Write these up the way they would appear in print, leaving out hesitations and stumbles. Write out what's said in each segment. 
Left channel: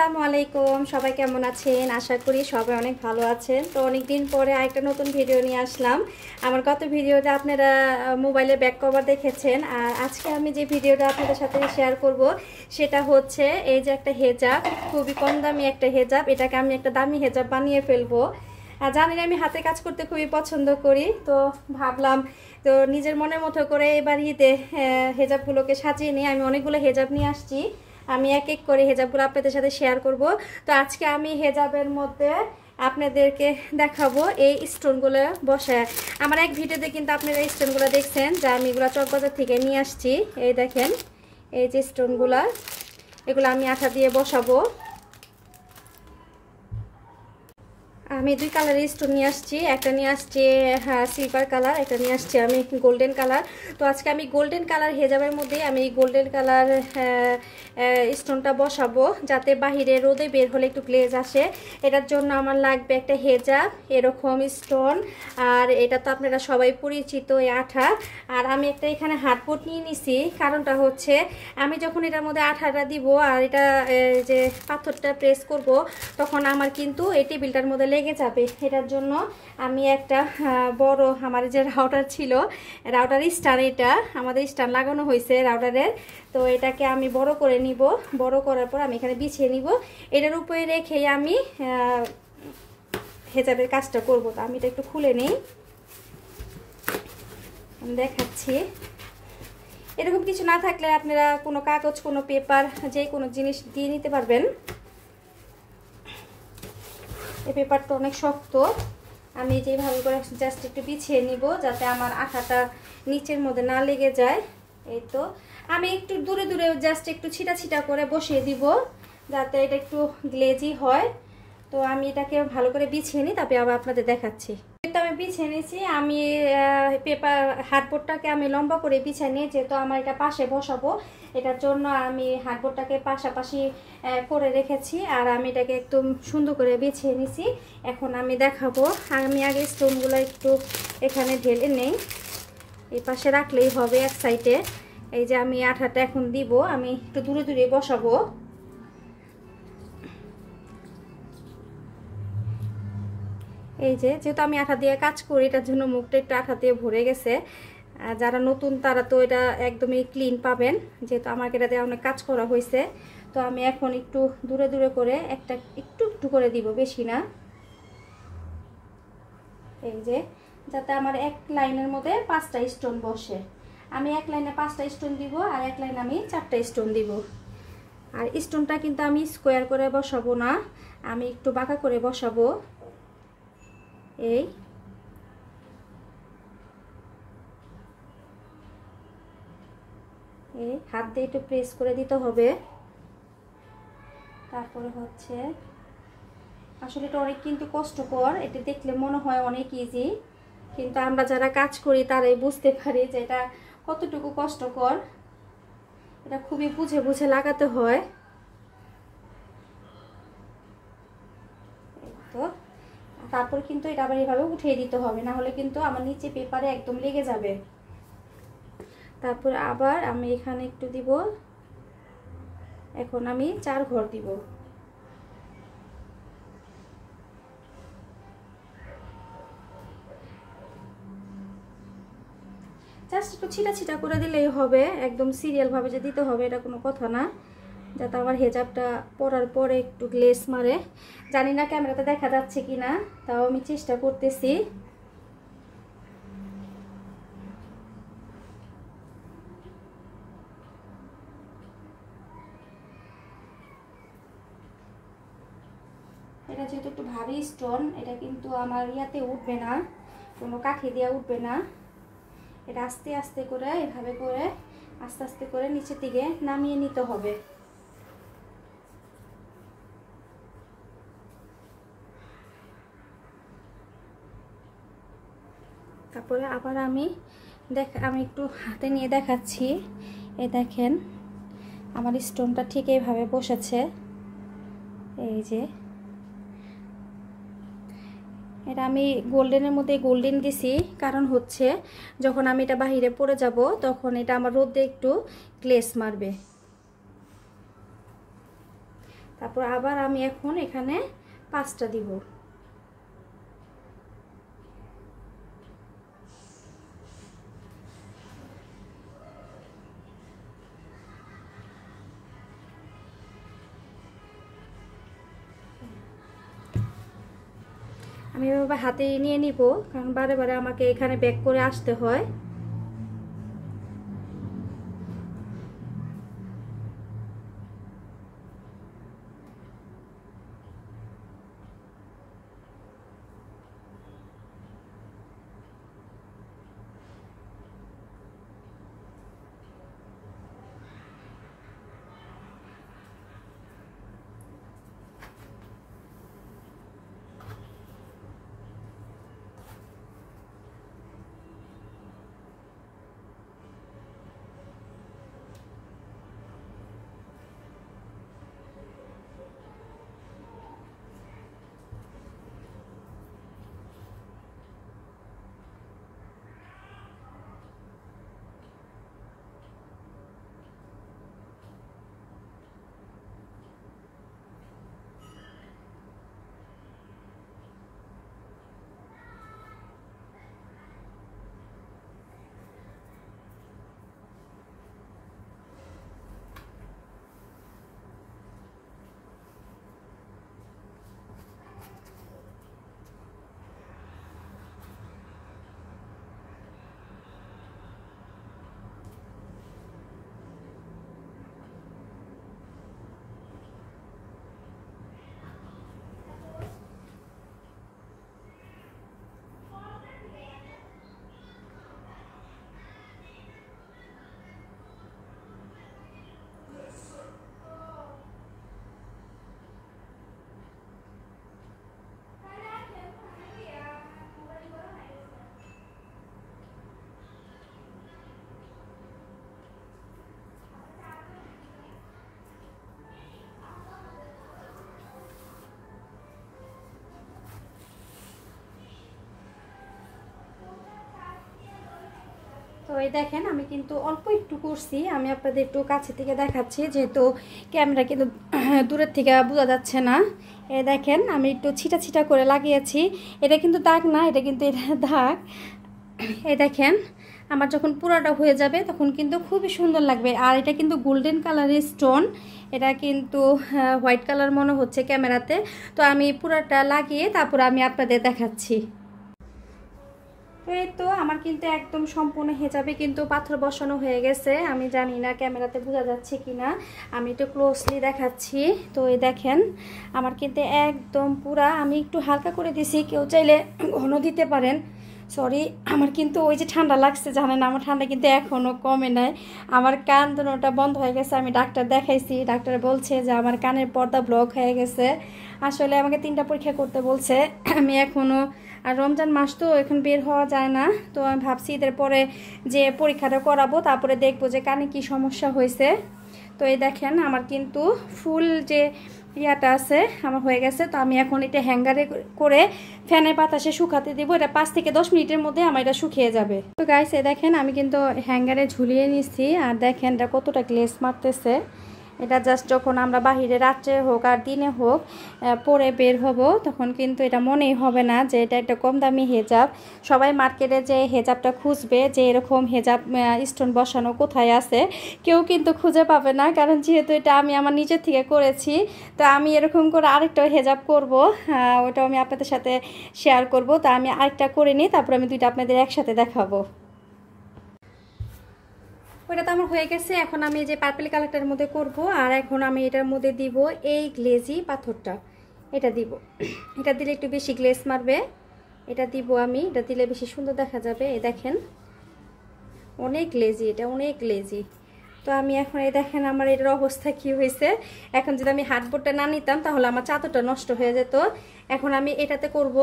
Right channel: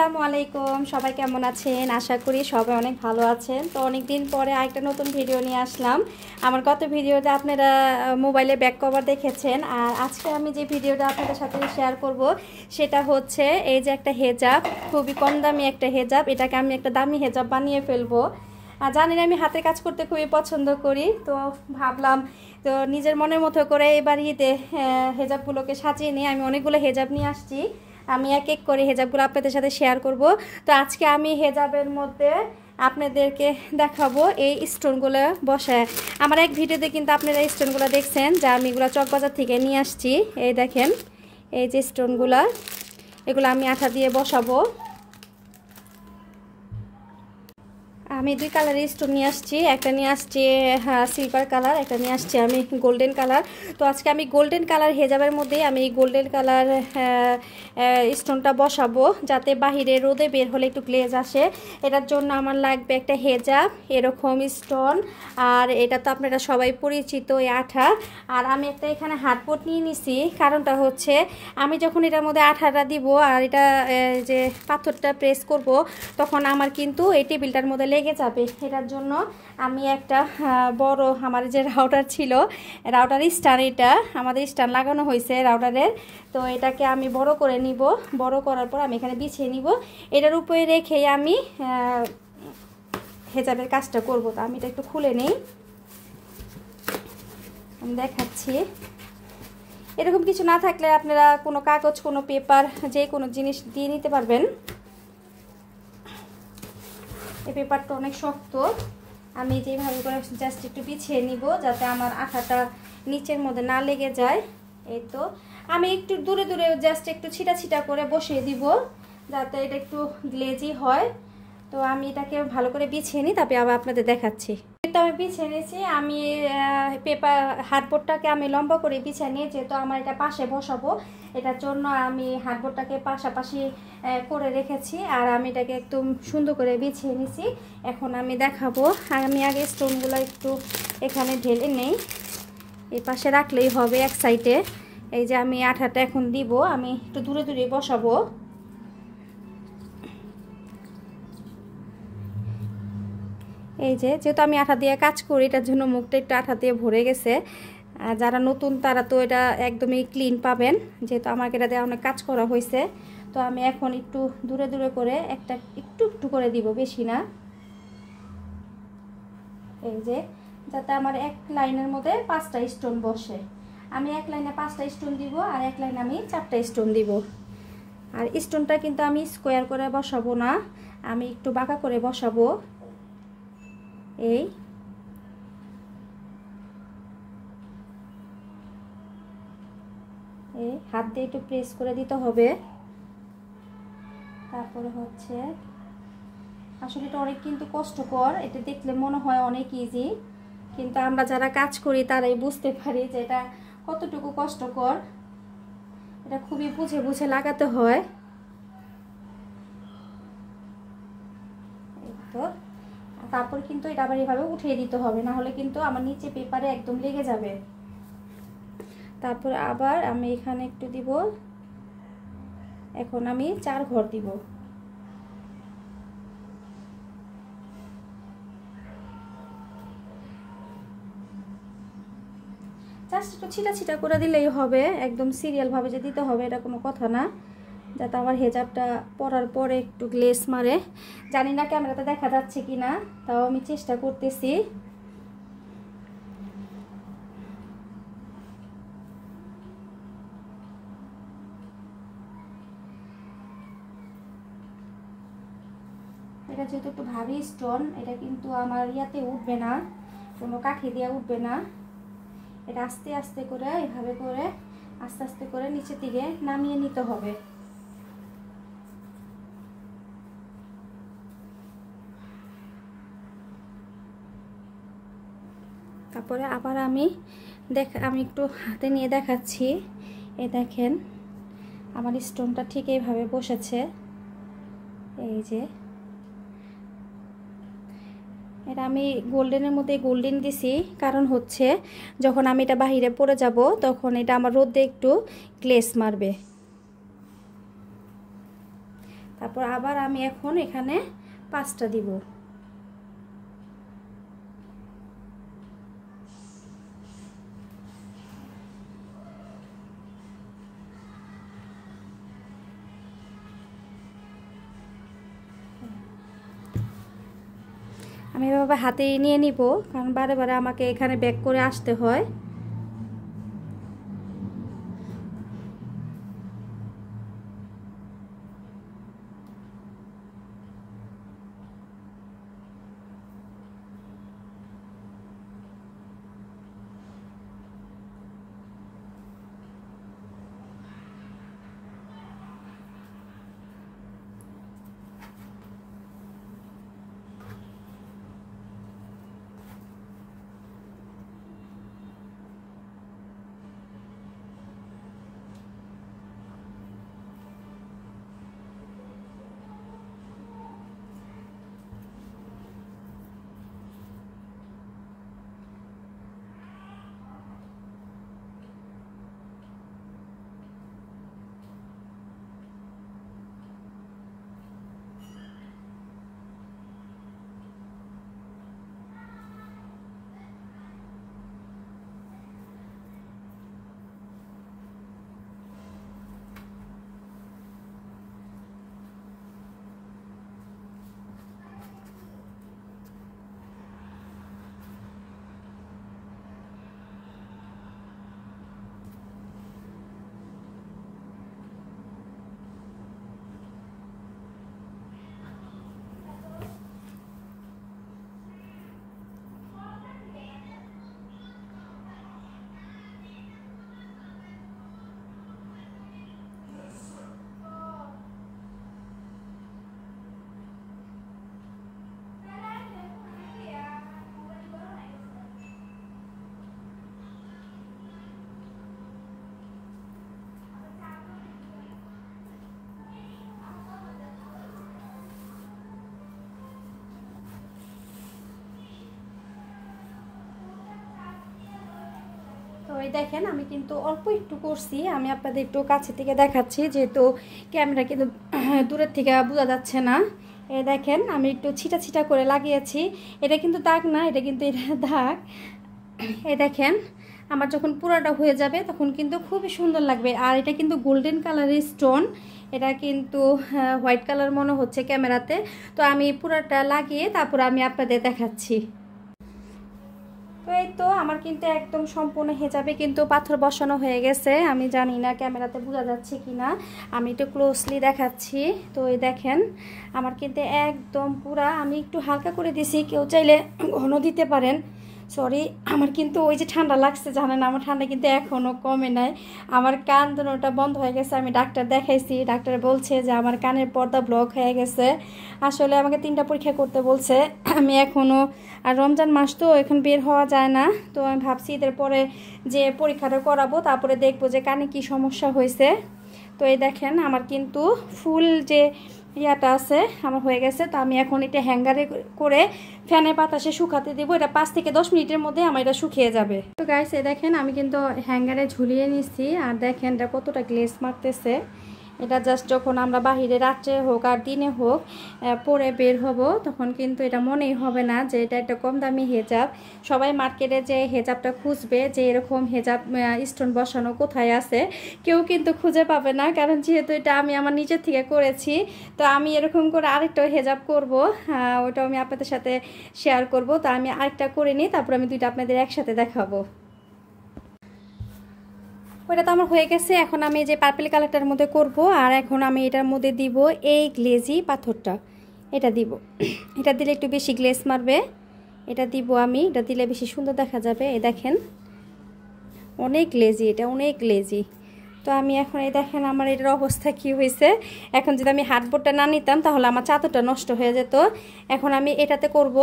আসসালামু আলাইকুম সবাই কেমন আছেন আশা করি সবাই অনেক ভালো আছেন তো অনেক দিন পরে আরেকটা নতুন ভিডিও নিয়ে আসলাম আমার গত ভিডিওতে আপনারা মোবাইলে ব্যাক কভার দেখেছেন আর আজকে আমি যে ভিডিওটা আপনাদের সাথে শেয়ার করব সেটা হচ্ছে এই যে একটা হেজাব খুবই কম দামি একটা হেজাব এটাকে আমি একটা দামি হেজাব বানিয়ে ফেলবো আর জানেন আমি হাতে কাজ করতে খুবই পছন্দ করি তো ভাবলাম তো নিজের মনের মতো করে এবার ঈদে হেজাবগুলোকে সাজিয়ে নিয়ে আমি অনেকগুলো হেজাব নিয়ে আসছি আমি এক এক করে হেজাবগুলো আপনাদের সাথে শেয়ার করব তো আজকে আমি হেজাবের মধ্যে আপনাদেরকে দেখাবো এই স্টোনগুলো বসায় আমার এক ভিডিওতে কিন্তু আপনারা এই স্টোনগুলো দেখছেন যা আমি এগুলো চকবাজার থেকে নিয়ে আসছি এই দেখেন এই যে স্টোনগুলো এগুলো আমি আঠা দিয়ে বসাবো আমি দুই কালারের স্টোন নিয়ে আসছি একটা নিয়ে আসছি সিলভার কালার একটা নিয়ে আসছি আমি গোল্ডেন কালার তো আজকে আমি গোল্ডেন কালার হেজাবের মধ্যে আমি গোল্ডেন কালার স্টোনটা বসাবো যাতে বাহিরে রোদে বের হলে একটু গ্লেজ আসে এটার জন্য আমার লাগবে একটা হেজাব এরকম স্টোন আর এটা তো আপনারা সবাই পরিচিত এই আঠা আর আমি একটা এখানে হাতবোট নিয়ে নিছি কারণটা হচ্ছে আমি যখন এটার মধ্যে আঠাটা দিব আর এটা যে পাথরটা প্রেস করব তখন আমার কিন্তু এই টেবিলটার মধ্যে লেগে যাবে এটার জন্য আমি একটা বড় আমার যে রাউটার ছিল রাউটার স্ট্যান্ড এটা আমাদের স্ট্যান্ড লাগানো হয়েছে রাউটারের তো এটাকে আমি বড় করে নিব বড় করার পর আমি এখানে বিছিয়ে নিব এটার উপরে রেখে আমি হেজাবের কাজটা করব তো আমি এটা একটু খুলে নেই আমি দেখাচ্ছি এরকম কিছু না থাকলে আপনারা কোনো কাগজ কোনো পেপার যে কোনো জিনিস দিয়ে নিতে পারবেন এই পেপারটা অনেক শক্ত আমি যেভাবে করে জাস্ট একটু বিছিয়ে নিব যাতে আমার আঠাটা নিচের মধ্যে না লেগে যায় এই তো আমি একটু দূরে দূরে জাস্ট একটু ছিটা ছিটা করে বসিয়ে দিব যাতে এটা একটু গ্লেজি হয় তো আমি এটাকে ভালো করে বিছিয়ে নিই তারপরে আবার আপনাদের দেখাচ্ছি এটা আমি বিছিয়ে নিয়েছি আমি পেপার হাতবোর্ডটাকে আমি লম্বা করে বিছিয়ে নিয়ে যেহেতু আমার এটা পাশে বসাবো এটার জন্য আমি হাতবোর্ডটাকে পাশাপাশি করে রেখেছি আর আমি এটাকে একদম সুন্দর করে বিছিয়ে নিয়েছি এখন আমি দেখাবো আমি আগে স্টোনগুলো একটু এখানে ঢেলে নেই এই পাশে রাখলেই হবে এক সাইডে এই যে আমি আঠাটা এখন দিব আমি একটু দূরে দূরে বসাবো এই যে যেহেতু আমি আঠা দিয়ে কাজ করি এটার জন্য মুখটা একটু আঠা দিয়ে ভরে গেছে আর যারা নতুন তারা তো এটা একদমই ক্লিন পাবেন যেহেতু আমাকে এটা দিয়ে অনেক কাজ করা হয়েছে তো আমি এখন একটু দূরে দূরে করে একটা একটু একটু করে দিব বেশি না এই যে যাতে আমার এক লাইনের মধ্যে 5টা স্টোন বসে আমি এক লাইনে 5টা স্টোন দিব আর এক লাইনে আমি 4টা স্টোন দিব আর স্টোনটা কিন্তু আমি স্কোয়ার করে বসাবো না আমি একটু বাঁকা করে বসাবো এই হাত দিয়ে একটু প্রেস করে দিতে হবে তারপরে হচ্ছে আসলে এটা অনেক কিন্তু কষ্টকর এটা দেখলে মনে হয় অনেক ইজি কিন্তু আমরা যারা কাজ করি তারাই বুঝতে পারি যে এটা কতটুকু কষ্টকর এটা খুবই বুঝে বুঝে লাগাতে হয় তো তারপর কিন্তু এটা আবার এভাবে উঠিয়ে দিতে হবে না হলে কিন্তু আমার নিচে পেপারে একদম লেগে যাবে তারপর আবার আমি এখানে একটু দিব এখন আমি 4 ঘর দিব জাস্ট একটু ছিটা ছিটা করে দিলেই হবে একদম সিরিয়াল ভাবে যে দিতে হবে এটা কোনো কথা না যাতে আবার হেজাবটা পরার পরে একটু গ্লেজ মারে জানি না ক্যামেরাতে দেখা যাচ্ছে কিনা তাও আমি চেষ্টা করতেছি এটা যেহেতু একটু ভারী স্টোন এটা কিন্তু আমার ইয়াতে উঠবে না কোনো কাঠি দিয়ে উঠবে না এটা আস্তে আস্তে করে এভাবে করে আস্তে আস্তে করে নিচের দিকে নামিয়ে নিতে হবে তারপরে আবার আমি একটু হাতে নিয়ে দেখাচ্ছি এই দেখেন আমার স্টোনটা ঠিক এইভাবে বসেছে এই যে এটা আমি গোল্ডেনের মধ্যে গোল্ডেন দিছি কারণ হচ্ছে যখন আমি এটা বাহিরে পরে যাব তখন এটা আমার রোদে একটু গ্লেজ মারবে তারপর আবার আমি এখন এখানে 5টা দিব। আমি এভাবে হাতে নিয়ে নিব, কারণ বারে বারে আমাকে এখানে ব্যাক করে আসতে হয়। তো এই দেখেন আমি কিন্তু অল্প একটু করছি, আমি আপনাদের একটু কাছে থেকে দেখাচ্ছি, যেহেতু ক্যামেরা কিন্তু দূরের থেকে বোঝা যাচ্ছে না। এই দেখেন আমি একটু ছিটা ছিটা করে লাগিয়েছি। এটা কিন্তু দাগ না, এটা কিন্তু এটা দাগ। এই দেখেন আমার যখন পুরাটা হয়ে যাবে তখন কিন্তু খুবই সুন্দর লাগবে। আর এটা কিন্তু গোল্ডেন কালারের স্টোন, এটা কিন্তু হোয়াইট কালার মনে হচ্ছে ক্যামেরাতে। তো আমি পুরাটা লাগিয়ে তারপর আমি আপনাদের দেখাচ্ছি। তো এই তো আমার কিন্তু একদম সম্পূর্ণ হিজাবে কিন্তু পাথর বসানো হয়ে গেছে। আমি জানি না ক্যামেরাতে বোঝা যাচ্ছে কিনা, আমি একটু ক্লোজলি দেখাচ্ছি। তো এই দেখেন আমার কিন্তু একদম পুরা, আমি একটু হালকা করে দিছি, কেউ চাইলে ঘন দিতে পারেন। সরি, আমার কিন্তু ওই যে ঠান্ডা লাগছে জানেন, আমার ঠান্ডা কিন্তু এখনও কমে নাই। আমার কান দুটোটা বন্ধ হয়ে গেছে, আমি ডাক্তার দেখাইছি, ডাক্তার বলছে যে আমার কানের পর্দা ব্লক হয়ে গেছে। আসলে আমাকে 3টা পরীক্ষা করতে বলছে। আমি এখনও, আর রমজান মাস তো এখন বের হওয়া যায় না, তো আমি ভাবছি ঈদের পরে যে পরীক্ষাটা করাবো, তারপরে দেখবো যে কানে কি সমস্যা হয়েছে। তো এই দেখেন আমার কিন্তু ফুল যে ইয়াটা আছে আমার হয়ে গেছে। তো আমি এখন এটা হ্যাঙ্গারে করে ফ্যানের বাতাসে শুকাতে দিব। এটা 5 থেকে 10 মিনিটের মধ্যে আমার এটা শুকিয়ে যাবে। তো গাইস এই দেখেন আমি কিন্তু হ্যাঙ্গারে ঝুলিয়ে নিছি, আর দেখেন এটা কতটা গ্লেজ মারতেছে। এটা জাস্ট যখন আমরা বাহিরে রাত্রে হোক আর দিনে হোক পরে বের হব, তখন কিন্তু এটা মনেই হবে না যে এটা একটা কম দামি হেজাব। সবাই মার্কেটে যে হেজাবটা খুঁজবে যে এরকম হেজাব স্টোন বসানো কোথায় আছে, কেউ কিন্তু খুঁজে পাবে না, কারণ যেহেতু এটা আমি আমার নিজের থেকে করেছি। তো আমি এরকম করে আরেকটা হেজাব করব, ওটাও আমি আপনাদের সাথে শেয়ার করব। তো আমি আরেকটা করে নিই, তারপর আমি দুইটা আপনাদের একসাথে দেখাবো। ওটা তো আমার হয়ে গেছে। এখন আমি যে পার্পল কালারটার মধ্যে করব, আর এখন আমি এটার মধ্যে দিব এই গ্লেজি পাথরটা, এটা দিব। এটা দিলে একটু বেশি গ্লেজ মারবে, এটা দিব আমি, এটা দিলে বেশি সুন্দর দেখা যাবে। এই দেখেন অনেক গ্লেজি, এটা অনেক গ্লেজি। তো আমি এখন এই দেখেন আমার এটার অবস্থা কি হয়েছে। এখন যদি আমি হার্ডবোর্ডটা না নিতাম তাহলে আমার চাদরটা নষ্ট হয়ে যেত। এখন আমি এটাতে করব,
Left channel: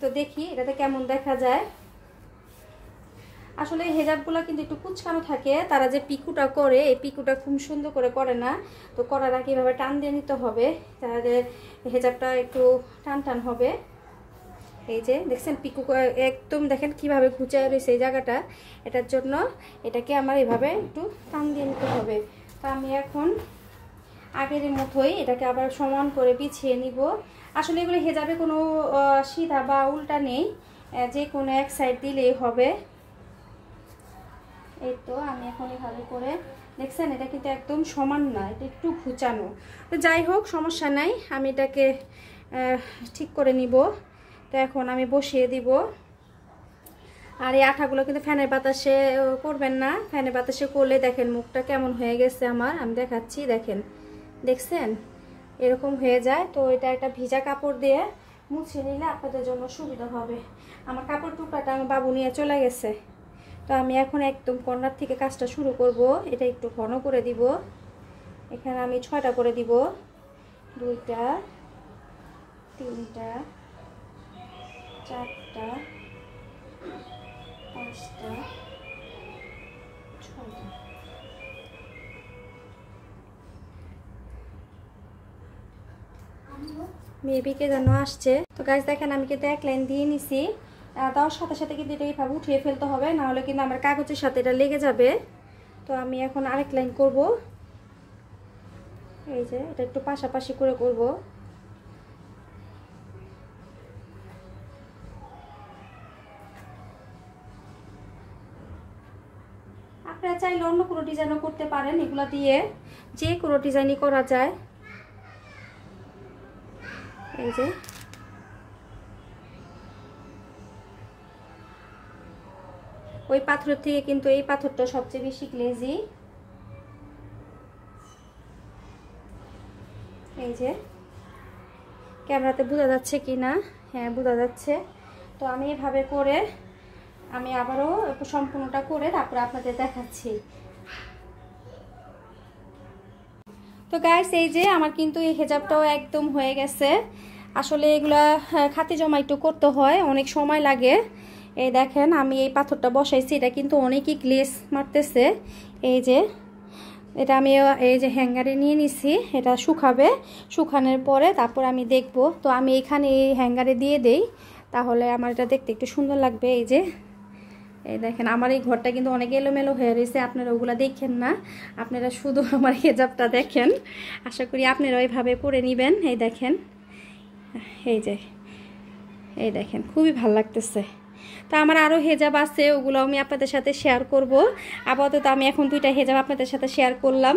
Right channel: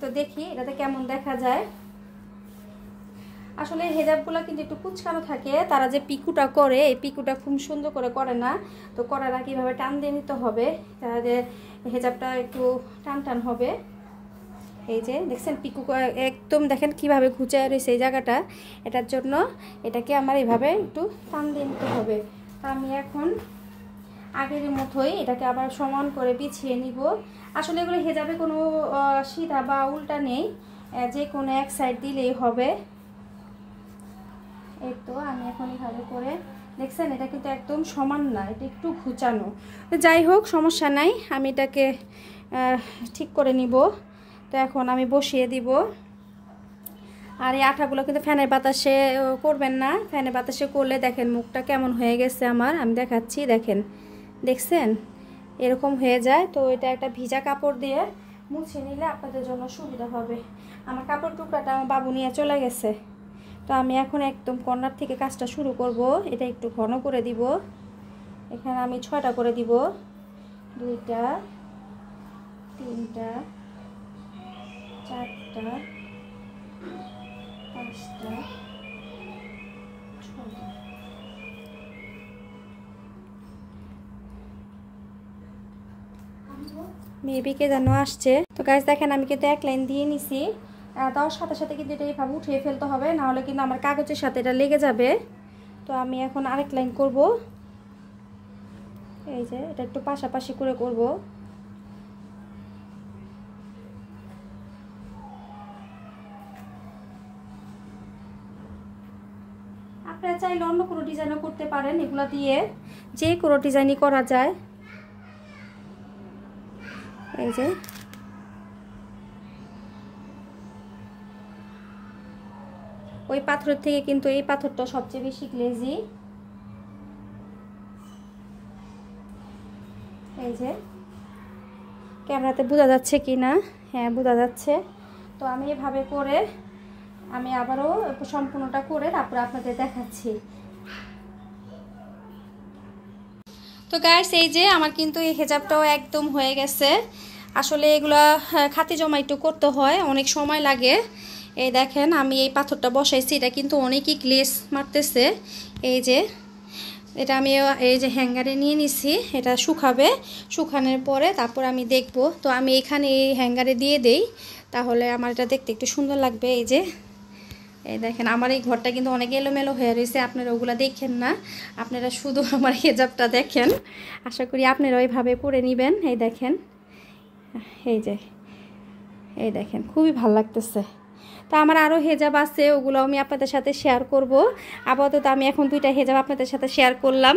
তো দেখি এটাতে কেমন দেখা যায়। আসলে হেজাবগুলো কিন্তু একটু কুচকানো থাকে, তারা যে পিকুটা করে এই পিকুটা খুব সুন্দর করে না। তো করার আগে এভাবে টান দিয়ে নিতে হবে, তাহলে হেজাবটা একটু টান টান হবে। এই যে দেখছেন পিকু একদম দেখেন কিভাবে ঘুচে রয়েছে এই জায়গাটা, এটার জন্য এটাকে আমার এভাবে একটু টান দিয়ে নিতে হবে। তো আমি এখন আগের মতোই এটাকে আবার সমান করে বিছিয়ে নিব। আসলে এগুলো হেজাবে কোনো সিধা বা উল্টা নেই, যে কোনো এক সাইড দিলেই হবে। এই তো আমি এখন এভাবে করে, দেখছেন এটা কিন্তু একদম সমান না, এটা একটু ঘুচানো। তো যাই হোক সমস্যা নাই, আমি এটাকে ঠিক করে নিব। তো এখন আমি বসিয়ে দিব। আর এই আঠাগুলো কিন্তু ফ্যানের বাতাসে করবেন না, ফ্যানের বাতাসে করলে দেখেন মুখটা কেমন হয়ে গেছে আমার, আমি দেখাচ্ছি, দেখেন দেখছেন এরকম হয়ে যায়। তো এটা একটা ভিজা কাপড় দিয়ে মুছে নিলে আপনাদের জন্য সুবিধা হবে। আমার কাপড় টুকরাটা আমার বাবু নিয়ে চলে গেছে। তো আমি এখন একদম কর্নার থেকে কাজটা শুরু করব। এটা একটু ঘন করে দিব, এখানে আমি 6টা করে দিব, 2টা 3টা 4টা 5টা 6টা। মেবিকে যেন আসছে। তো গাইস দেখেন আমি কিন্তু এক লাইন দিয়ে নিছি, তার সাথে সাথে কিন্তু এটা এইভাবে উঠিয়ে ফেলতে হবে, না হলে কিন্তু আমার কাগজের সাথে এটা লেগে যাবে। তো আমি এখন আরেক লাইন করব, এই যে এটা একটু পাশাপাশি করে করব। আপনারা চাইলে অন্য কোনো ডিজাইনও করতে পারেন, এগুলো দিয়ে যে কোনো ডিজাইনই করা যায়। এই যে ওই পাথর থেকে কিন্তু এই পাথরটা সবচেয়ে বেশি গ্লেজি। এই যে ক্যামেরাতে বোঝা যাচ্ছে কি না? হ্যাঁ বোঝা যাচ্ছে। তো আমি এভাবে করে আমি আবারও সম্পূর্ণটা করে তারপর আপনাদের দেখাচ্ছি। তো গাইস এই যে আমার কিন্তু এই হেজাবটাও একদম হয়ে গেছে। আসলে এগুলা খাতি জমা একটু করতে হয়, অনেক সময় লাগে। এই দেখেন আমি এই পাথরটা বসাইছি, এটা কিন্তু অনেকই গ্লেজ মারতেছে। এই যে এটা আমি এই যে হ্যাঙ্গারে নিয়ে নিছি, এটা শুকাবে, শুকানোর পরে তারপর আমি দেখব। তো আমি এখানে এই হ্যাঙ্গারে দিয়ে দেই, তাহলে আমার এটা দেখতে একটু সুন্দর লাগবে। এই যে এই দেখেন আমার এই ঘরটা কিন্তু অনেক এলোমেলো হয়ে রয়েছে, আপনারা ওগুলা দেখেন না, আপনারা শুধু আমার হেজাবটা দেখেন। আশা করি আপনারা ওইভাবে পরে নেবেন। এই দেখেন, এই যে এই দেখেন খুবই ভালো লাগতেছে। তো আমার আরও হেজাব আছে, ওগুলো আমি আপনাদের সাথে শেয়ার করব। আপাতত আমি এখন 2টা হেজাব আপনাদের সাথে শেয়ার করলাম।